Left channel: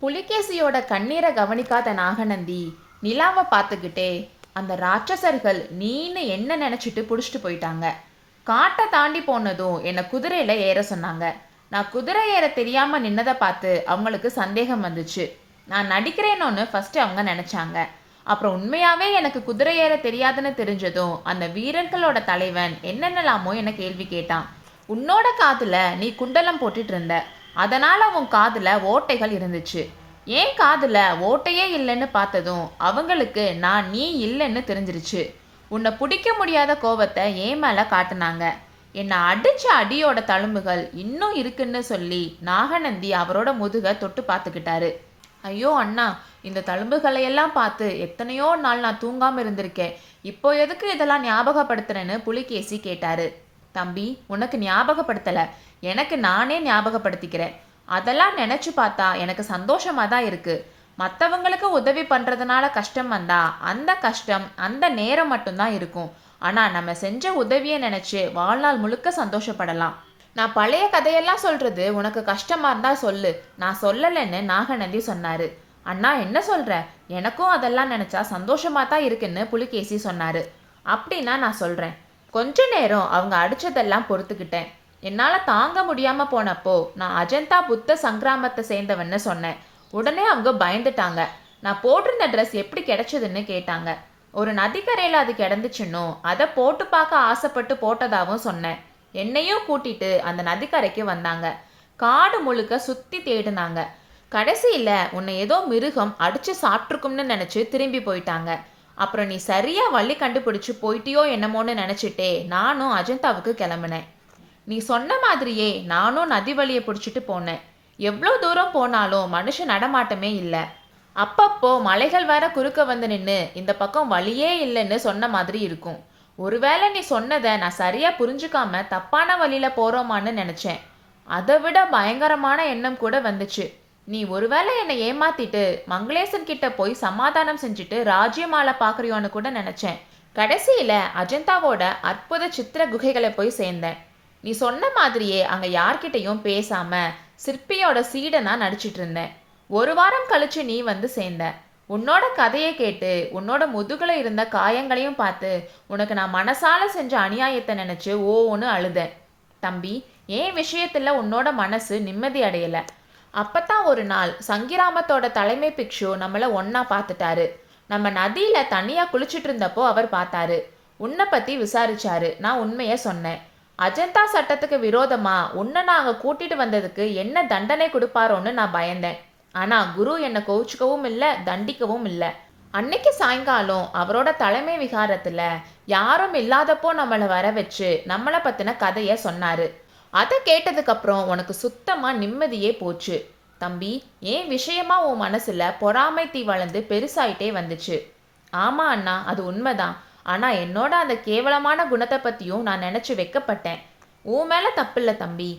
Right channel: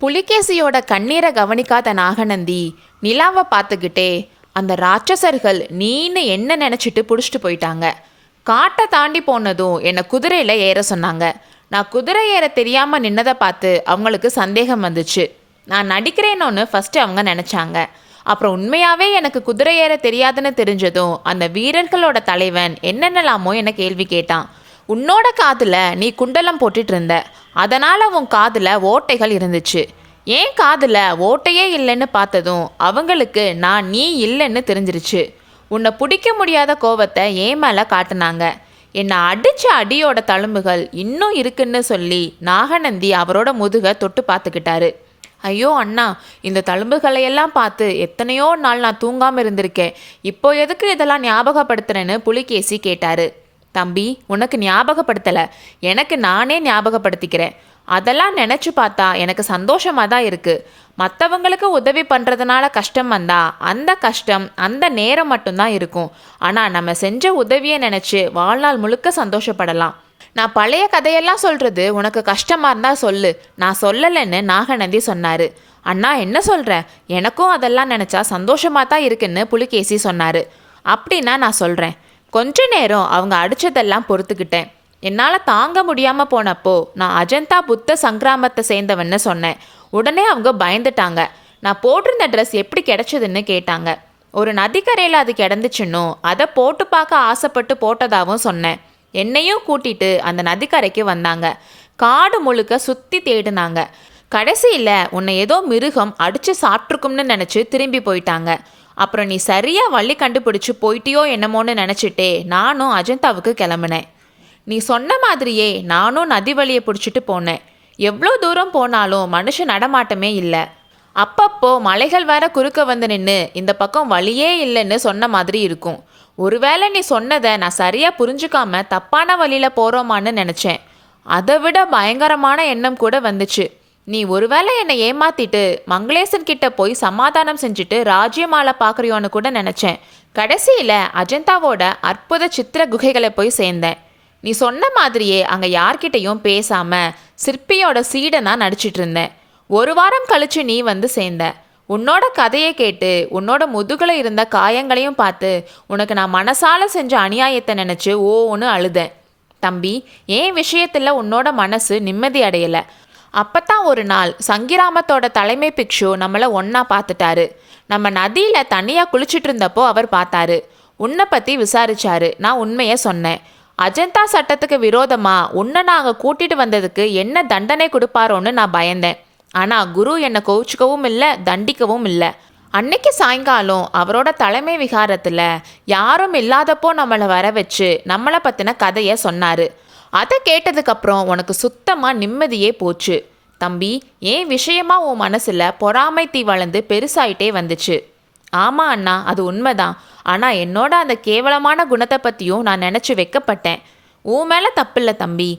புலிகேசியோட கண்ணீரை கவனிக்காத நாகநந்தி நிலாவை பார்த்துக்கிட்டே, அந்த ராட்சசர்கள் நீன்னு என்ன நினச்சிட்டு பிடிச்சிட்டு போயிட்டாங்க. காட்டை தாண்டி போனதும் என்னை குதிரையில் ஏற சொன்னாங்க. நான் குதிரை ஏற தெரியாமல் நின்னதை பார்த்து அவங்களுக்கு சந்தேகம் வந்துச்சு. நான் நடிக்கிறேனோன்னு ஃபஸ்ட்டு அவங்க நினச்சாங்க. அப்புறம் உண்மையாகவே எனக்கு குதிரை ஏற தெரியாதுன்னு தெரிஞ்சதும் அந்த வீரர்களோட தலைவன் என்னென்னலாமோ என்னை கேள்வி கேட்டான். உன்னோட காதில் நீ குண்டலம் போட்டுட்டு இருந்த, அதனால் உன் காதில் ஓட்டைகள் இருந்துச்சு. ஏன் காதில் ஓட்டையே இல்லைன்னு பார்த்ததும் அவங்களுக்கு நான் நீ இல்லைன்னு தெரிஞ்சிருச்சு. உன்னை பிடிக்க முடியாத கோவத்தை ஏன் மேலே காட்டினாங்க. என்னை அடித்த அடியோட தழும்புகள் இன்னும் இருக்குன்னு சொல்லி நாகநந்தி அவரோட முதுகை தொட்டு பார்த்துக்கிட்டாரு. ஐயோ அண்ணா, இந்த தழும்புகளையெல்லாம் பார்த்து எத்தனையோ நாள் நான் தூங்காமல் இருந்திருக்கேன். இப்போ எதுக்கு இதெல்லாம் ஞாபகப்படுத்துறேன்னு புலிகேசி கேட்டார். தம்பி, உனக்கு ஞாபகப்படுத்தலை, எனக்கு நானே ஞாபகப்படுத்திக்கிறேன். அதெல்லாம் நினச்சி பார்த்தா எனக்கு சந்தோஷமாக தான் இருக்குது. மற்றவங்களுக்கு உதவி பண்ணுறதுனால கஷ்டம் வந்தால் அந்த கஷ்டம் அந்த நேரம் மட்டும்தான் இருக்கும். ஆனால் நம்ம செஞ்ச உதவியை நினச்சி வாழ்நாள் முழுக்க சந்தோஷப்படலாம். நான் பழைய கதையெல்லாம் சொல்கிறது உனக்கு கஷ்டமாக இருந்தால் சொல்லு, நான் சொல்லலைன்னு நாகநந்தி சொன்னார். அண்ணா என்ன சொல்கிறேன், எனக்கும் அதெல்லாம் நினச்சா சந்தோஷமாக தான் இருக்குன்னு புலிகேசி சொன்னார். அப்படின்னா நான் சொல்கிறேன். கொஞ்ச நேரம் அவங்க அடித்ததெல்லாம் பொறுத்துக்கிட்டேன். என்னால் தாங்க முடியாமல் போனப்போ நான் அஜந்தா புத்த சங்கிராமத்தை சேர்ந்தவன்னு சொன்னேன். உடனே அவங்க பயந்துட்டாங்க. நான் போட்டிருந்த ட்ரெஸ் எப்படி கிடைச்சதுன்னு கேட்டாங்க. ஒரு நதிக்கரையில் அது கிடந்துச்சுன்னோ அதை போட்டு பார்க்க ஆசைப்பட்டு போட்டதாகவும் சொன்னேன். என்னையும் கூட்டிட்டு அந்த நதிக்கரைக்கு வந்தாங்க. காடு முழுக்க சுற்றி தேடினாங்க. கடைசியில் உன்னை ஏதோ மிருகம் அடித்து சாப்பிட்ருக்கும்னு நினச்சி திரும்பி போயிட்டாங்க. அப்புறம் நீ சரியாக வழி கண்டுபிடிச்சி போயிட்டியோ என்னமோன்னு நினச்சிட்டே நானும் அஜந்தாவுக்கு கிளம்புனேன். நீ சொன்ன மாதிரியே நானும் நதி வழியை பிடிச்சிட்டு போனேன். எவ்வளோ தூரம் போனாலும் மனுஷ நடமாட்டமே இல்லை. அப்பப்போ மலைகள் வேற குறுக்க வந்து நின்று இந்த பக்கம் வழியே இல்லைன்னு சொன்ன மாதிரி இருக்கும். ஒருவேளை நீ சொன்னதை நான் சரியாக புரிஞ்சுக்காம தப்பான வழியில் போகிறோமான்னு நினச்சேன். அதை விட பயங்கரமான எண்ணம் கூட வந்துச்சு. நீ ஒருவேளை என்னை ஏமாத்திட்டு மங்களேசன் கிட்ட போய் சமாதானம் செஞ்சுட்டு ராஜ்யமாலை பார்க்குறியோன்னு கூட நினச்சேன். கடைசியில் அஜந்தாவோட அற்புத சித்திர குகைகளை போய் சேர்ந்தேன். நீ சொன்ன மாதிரியே அங்கே யார்கிட்டையும் பேசாமல் சிற்பியோட சீடனா நடிச்சிட்டு இருந்தேன். ஒரு வாரம் கழிச்சு நீ வந்து சேர்ந்த. உன்னோட கதையை கேட்டு உன்னோட முதுகில் இருந்த காயங்களையும் பார்த்து உனக்கு நான் மனசால செஞ்ச அநியாயத்தை நினச்சி ஓன்னு அழுதேன். தம்பி, ஏன் விஷயத்தில் உன்னோட மனசு நிம்மதி அடையலை. அப்போத்தான் ஒரு நாள் சங்கிராமத்தோட தலைமை பிக்ஷு நம்மளை ஒன்றா பார்த்துட்டாரு. நம்ம நதியில் தனியாக குளிச்சுட்டு இருந்தப்போ அவர் பார்த்தாரு. உன்னை பற்றி விசாரிச்சாரு. நான் உண்மையை சொன்னேன். அஜந்தா சட்டத்துக்கு விரோதமாக உன்னை நாங்கள் கூட்டிகிட்டு வந்ததுக்கு என்ன தண்டனை கொடுப்பாரோன்னு நான் பயந்தேன். ஆனால் குரு என்னை கோவிச்சுக்கவும் இல்லை, தண்டிக்கவும் இல்லை. அன்னைக்கு சாயங்காலம் அவரோட தலைமை விகாரத்தில் யாரும் இல்லாதப்போ நம்மளை வர வச்சு நம்மளை பற்றின கதையை சொன்னார். அதை கேட்டதுக்கப்புறம் உனக்கு சுத்தமாக நிம்மதியே போச்சு. தம்பி, ஏன் விஷயமா உன் மனசில் பொறாமை தீ வளர்ந்து பெருசாயிட்டே வந்துச்சு. ஆமாம் அண்ணா, அது உண்மைதான். ஆனால் என்னோட அந்த கேவலமான குணத்தை பற்றியும் நான் நினச்சி வைக்கப்பட்டேன். உன் மேலே தப்பில்லை தம்பி.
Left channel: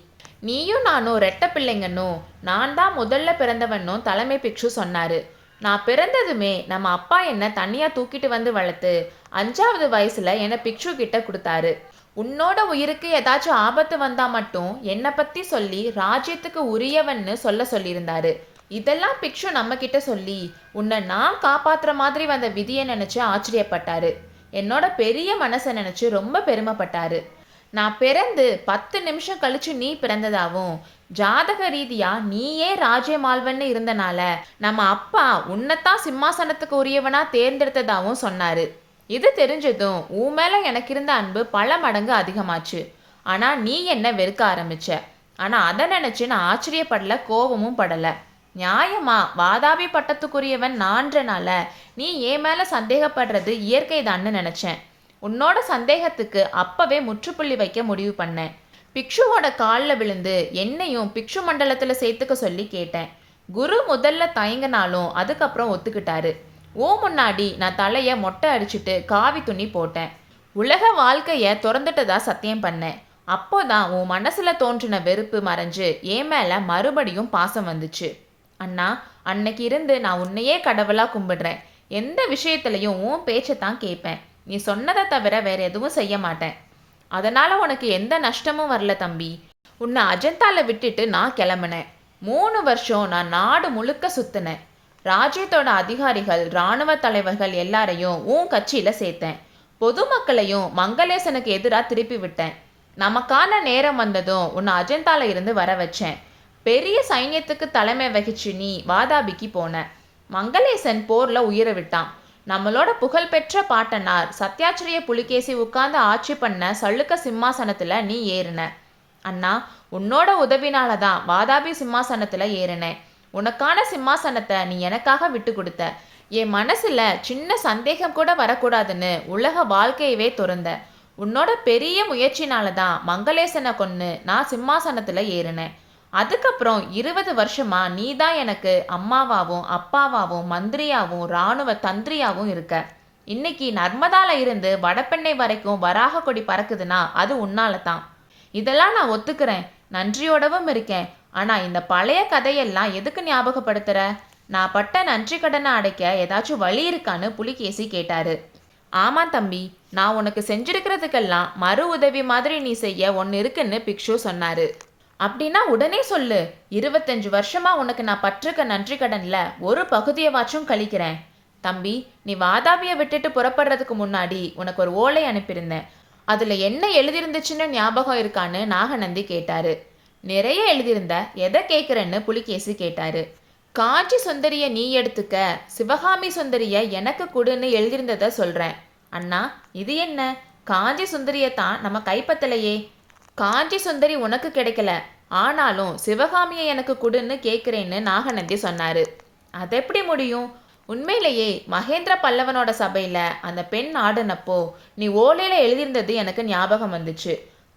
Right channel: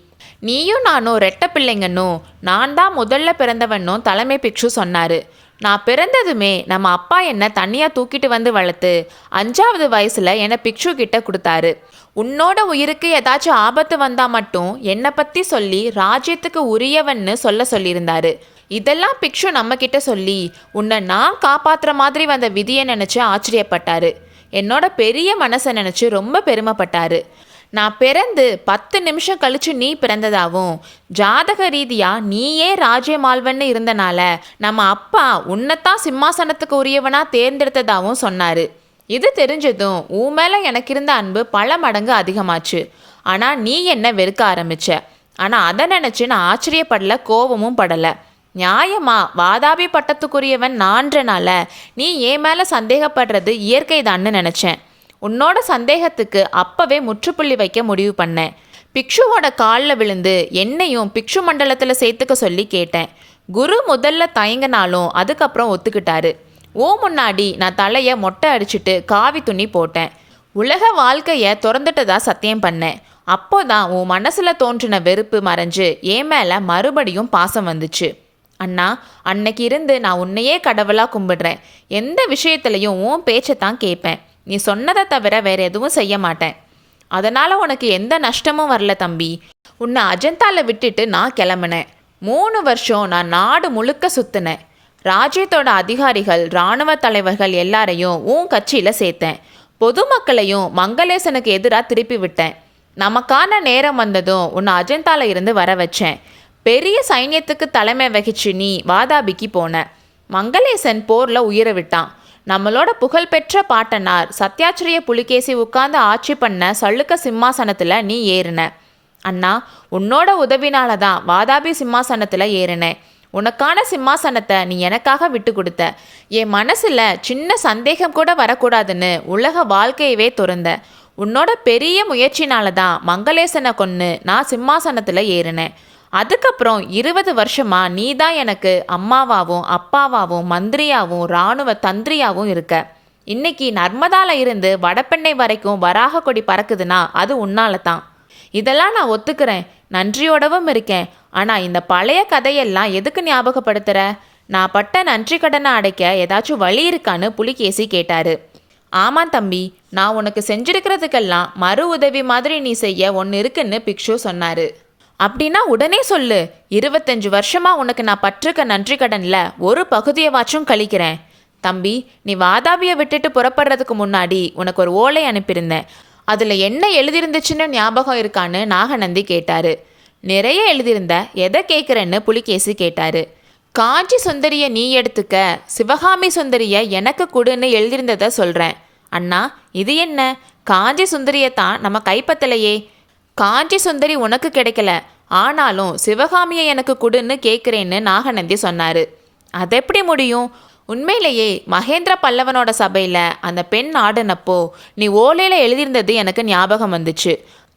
நீயும் நானும் ரெட்டை பிள்ளைங்கன்னும் நான் தான் முதல்ல பிறந்தவன்னும் தலைமை பிக்ஷு சொன்னார். நான் பிறந்ததுமே நம்ம அப்பா என்னை தனியாக தூக்கிட்டு வந்து வளர்த்து 5வது வயசில் என்னை பிக்ஷு கிட்ட கொடுத்தாரு. உன்னோட உயிருக்கு ஏதாச்சும் ஆபத்து வந்தால் மட்டும் என்னை பற்றி சொல்லி ராஜ்யத்துக்கு உரியவன்னு சொல்லியிருந்தாரு. இதெல்லாம் பிக்ஷு நம்மக்கிட்ட சொல்லி உன்னை நான் காப்பாற்றுற மாதிரி வந்த விதியை நினச்சி ஆச்சரியப்பட்டாரு. என்னோட பெரிய மனசை நினச்சி ரொம்ப பெருமைப்பட்டாரு. நான் பிறந்து 10 நிமிஷம் கழிச்சு நீ பிறந்ததாகவும் ஜாதக ரீதியாக நீயே ராஜ்யமால்வன்னு இருந்தனால நம்ம அப்பா உன்னைத்தான் சிம்மாசனத்துக்கு உரியவனா தேர்ந்தெடுத்ததாகவும் சொன்னார். இது தெரிஞ்சதும் உன் மேலே எனக்கு இருந்த அன்பு பல மடங்கு அதிகமாச்சு. ஆனால் நீ என்ன வெறுக்க ஆரம்பிச்ச. ஆனால் அதை நினச்சி நான் ஆச்சரியப்படலை, கோபமும் படலை. நியாயமா வாதாபி பட்டத்துக்குரியவன் நான்றனால நீ என் மேலே சந்தேகப்படுறது இயற்கை தான்னு நினச்சேன். உன்னோட சந்தேகத்துக்கு அப்பவே முற்றுப்புள்ளி வைக்க முடிவு பண்ணேன். பிக்ஷுவோட காலில் விழுந்து என்னையும் பிக்ஷு மண்டலத்தில் சேர்த்துக்க சொல்லி கேட்டேன். குரு முதல்ல தயங்கினாலும் அதுக்கப்புறம் ஒத்துக்கிட்டாரு. முன்னாடி நான் தலையை மொட்டை அடிச்சுட்டு காவி துணி போட்டேன். உலக வாழ்க்கையை திறந்துட்டதா சத்தியம் பண்ணேன். அப்போதான் உன் மனசில் தோன்றின வெறுப்பு மறைஞ்சு என் மேலே மறுபடியும் பாசம் வந்துச்சு. அண்ணா, அன்னைக்கு இருந்து நான் உன்னையே கடவுளாக கும்பிடுறேன். எந்த விஷயத்துலையும் உன் பேச்சை தான் கேட்பேன். நீ சொன்னதை தவிர வேற எதுவும் செய்ய மாட்டேன். அதனால் உனக்கு எந்த நஷ்டமும் வரல தம்பி. உன்னை அஜந்தாவில் விட்டுட்டு நான் கிளம்புனேன். 3 வருஷம் நான் நாடு முழுக்க சுத்தினேன். ராஜ்யத்தோட அதிகாரிகள், இராணுவ தலைவர்கள் எல்லாரையும் உன் கட்சியில் சேர்த்தேன். பொதுமக்களையும் மங்களேசனுக்கு எதிராக திருப்பி விட்டேன். நமக்கான நேரம் வந்ததும் உன்னை அஜந்தால இருந்து வர வச்சேன். பெரிய சைன்யத்துக்கு தலைமை வகிச்சு நீ வாதாபிக்கு போன. மங்களேசன் போரில் உயிரை விட்டான். நம்மளோட புகழ்பெற்ற பாட்டனார் சத்யாச்சிரிய புலிகேசி உட்கார்ந்து ஆட்சி பண்ண சளுக்க சிம்மாசனத்தில் நீ ஏறின. அண்ணா, உன்னோட உதவினால தான் வாதாபி சிம்மாசனத்தில் ஏறினேன். உனக்கான சிம்மாசனத்தை நீ எனக்காக விட்டு கொடுத்த. என் மனசில் சின்ன சந்தேகம் கூட வரக்கூடாதுன்னு உலக வாழ்க்கையவே துறந்த. உன்னோட பெரிய முயற்சினால தான் மங்களேசனை கொன்று நான் சிம்மாசனத்தில் ஏறினேன். அதுக்கப்புறம் 20 வருஷமா நீ தான் எனக்கு அம்மாவாகவும் அப்பாவாகவும் மந்திரியாகவும் இராணுவ தந்திரியாகவும் இருக்க. இன்னைக்கு நர்மதால இருந்து வடபெண்ணை வரைக்கும் வராக கொடி பறக்குதுன்னா அது உன்னால தான். இதெல்லாம் நான் ஒத்துக்கிறேன், நன்றியோடவும் இருக்கேன். ஆனால் இந்த பழைய கதையெல்லாம் எதுக்கு ஞாபகப்படுத்துகிற? நான் பட்ட நன்றி கடனை அடைக்க ஏதாச்சும் வழி இருக்கான்னு புலிகேசி கேட்டார். ஆமாம் தம்பி, நான் உனக்கு செஞ்சிருக்கிறதுக்கெல்லாம் மறு உதவி மாதிரி நீ செய்ய ஒன்று இருக்குன்னு பிக்ஷு சொன்னார். அப்படின்னா உடனே சொல்லு. 25 வருஷமா உனக்கு நான் பட்டிருக்க நன்றி கடனில் ஒரு பகுதியவாச்சும் கழிக்கிறேன். தம்பி, நீ வாதாபியை விட்டுட்டு புறப்படுறதுக்கு முன்னாடி உனக்கு ஒரு ஓலை அனுப்பியிருந்தேன். அதில் என்ன எழுதியிருந்துச்சுன்னு ஞாபகம் இருக்கான்னு நாகநந்தி கேட்டார். நிறைய எழுதியிருந்த, எதை கேட்குறேன்னு புலிகேசி கேட்டார். காஞ்சி சுந்தரியை நீ எடுத்துக்க, சிவகாமி சுந்தரியை எனக்கு கொடுன்னு எழுதியிருந்ததை சொல்கிறேன். அண்ணா, இது என்ன? காஞ்சி சுந்தரியை தான் நம்ம கைப்பற்றலையே. காஞ்சி சுந்தரி உனக்கு கிடைக்கல, ஆனாலும் சிவகாமியை எனக்கு கொடுன்னு கேட்குறேன்னு நாகநந்தி சொன்னார். அது எப்படி முடியும்? உண்மையிலேயே மகேந்திர பல்லவனோட சபையில் அந்த பெண் ஆடுனப்போ நீ ஓலையில் எழுதியிருந்தது எனக்கு ஞாபகம் வந்துச்சு.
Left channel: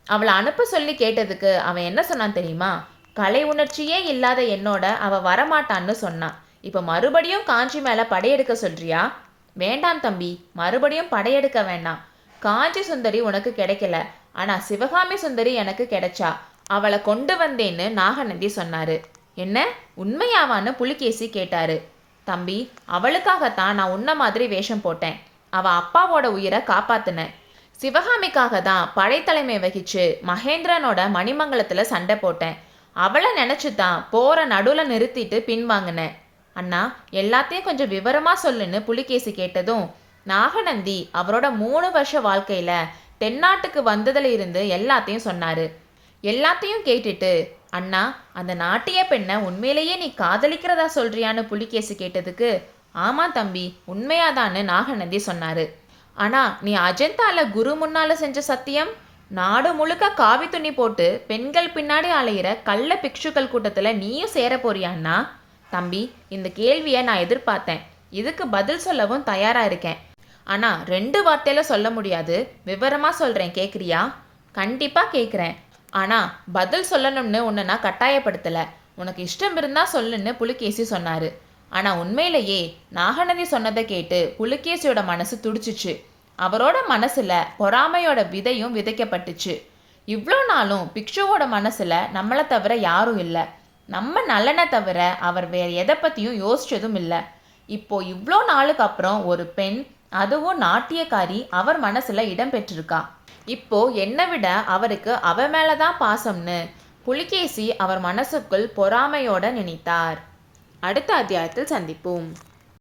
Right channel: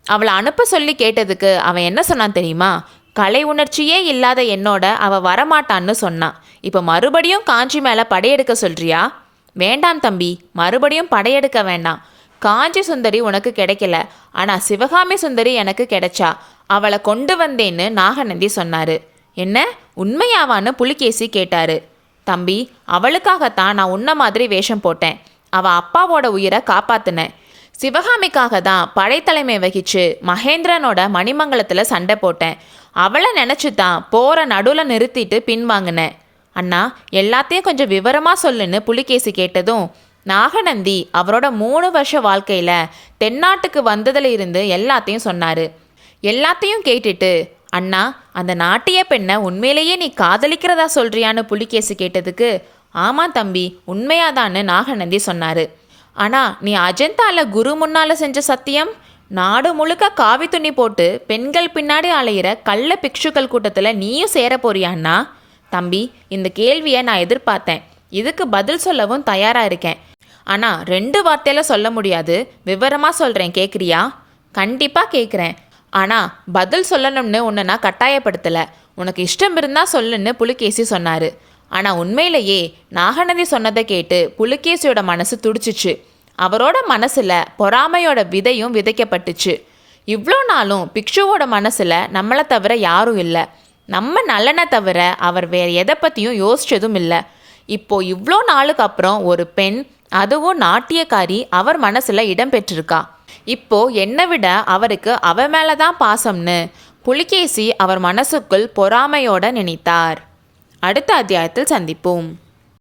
அவளை அனுப்ப சொல்லி கேட்டதுக்கு அவன் என்ன சொன்னான் தெரியுமா? கலை உணர்ச்சியே இல்லாத என்னோட அவள் வரமாட்டான்னு சொன்னான். இப்போ மறுபடியும் காஞ்சி மேலே படையெடுக்க சொல்கிறியா? வேண்டாம் தம்பி, மறுபடியும் படையெடுக்க வேண்டாம். காஞ்சி சுந்தரி உனக்கு கிடைக்கல, ஆனால் சிவகாமி சுந்தரி எனக்கு கிடைச்சா. அவளை கொண்டு வந்தேன்னு நாகநந்தி சொன்னார். என்ன, உண்மையாவான்னு புலிகேசி கேட்டார். தம்பி, அவளுக்காகத்தான் நான் உன்ன மாதிரி வேஷம் போட்டேன். அவள் அப்பாவோட உயிரை காப்பாற்றினேன். சிவகாமிக்காக தான் படைத்தலைமை வகிச்சு மகேந்திரனோட மணிமங்கலத்தில் சண்டை போட்டேன். அவளை நினச்சி தான் போகிற நடுவில் நிறுத்திட்டு பின்வாங்கினேன். அண்ணா, எல்லாத்தையும் கொஞ்சம் விவரமாக சொல்லுன்னு புலிகேசி கேட்டதும் நாகநந்தி அவரோட 3 வருஷ வாழ்க்கையில் தென்னாட்டுக்கு வந்ததில் இருந்து எல்லாத்தையும் சொன்னார். எல்லாத்தையும் கேட்டுட்டு, அண்ணா, அந்த நாட்டிய பெண்ணை உண்மையிலேயே நீ காதலிக்கிறதா சொல்கிறியான்னு புலிகேசி கேட்டதுக்கு, ஆமாம் தம்பி, உண்மையாதான்னு நாகநந்தி சொன்னார். ஆனால் நீ அஜந்தால குரு முன்னால் செஞ்ச சத்தியம், நாடு முழுக்க காவி துணி போட்டு பெண்கள் பின்னாடி அலையிற கள்ள பிக்ஷுக்கள் கூட்டத்தில் நீயும் சேர போறியாண்ணா? தம்பி, இந்த கேள்வியை நான் எதிர்பார்த்தேன். இதுக்கு பதில் சொல்லவும் தயாராக இருக்கேன். ஆனால் 2 வார்த்தையில் சொல்ல முடியாது. விவரமாக சொல்கிறேன், கேட்குறியா? கண்டிப்பாக கேட்குறேன். ஆனால் பதில் சொல்லணும்னு உன்னை நான் கட்டாயப்படுத்தலை. உனக்கு இஷ்டம் இருந்தால் சொல்லுன்னு புலிகேசி சொன்னார். ஆனால் உண்மையிலேயே நாகநந்தி சொன்னதை கேட்டு புலிகேசியோட மனசு துடிச்சிச்சு. அவரோட மனசில் பொறாமையோட விதையும் விதைக்கப்பட்டுச்சு. இவ்வளோ நாளும் பிக்ஷுவோட மனசில் நம்மளை தவிர யாரும் இல்லை. நம்ம நலனை தவிர அவர் வேறு எதை பற்றியும் யோசிச்சதும் இல்லை. இப்போது இவ்வளோ நாளுக்கு அப்புறம் ஒரு பெண், அதுவும் நாட்டியக்காரி, அவர் மனசில் இடம் பெற்றிருக்கா. இப்போ என்னை விட அவருக்கு அவ மேலே தான் பாசம்னு புலிகேசி அவர் மனசுக்குள் பொறாமையோட நினைத்தார். அடுத்த அத்தியாயத்தில் சந்திப்போம்.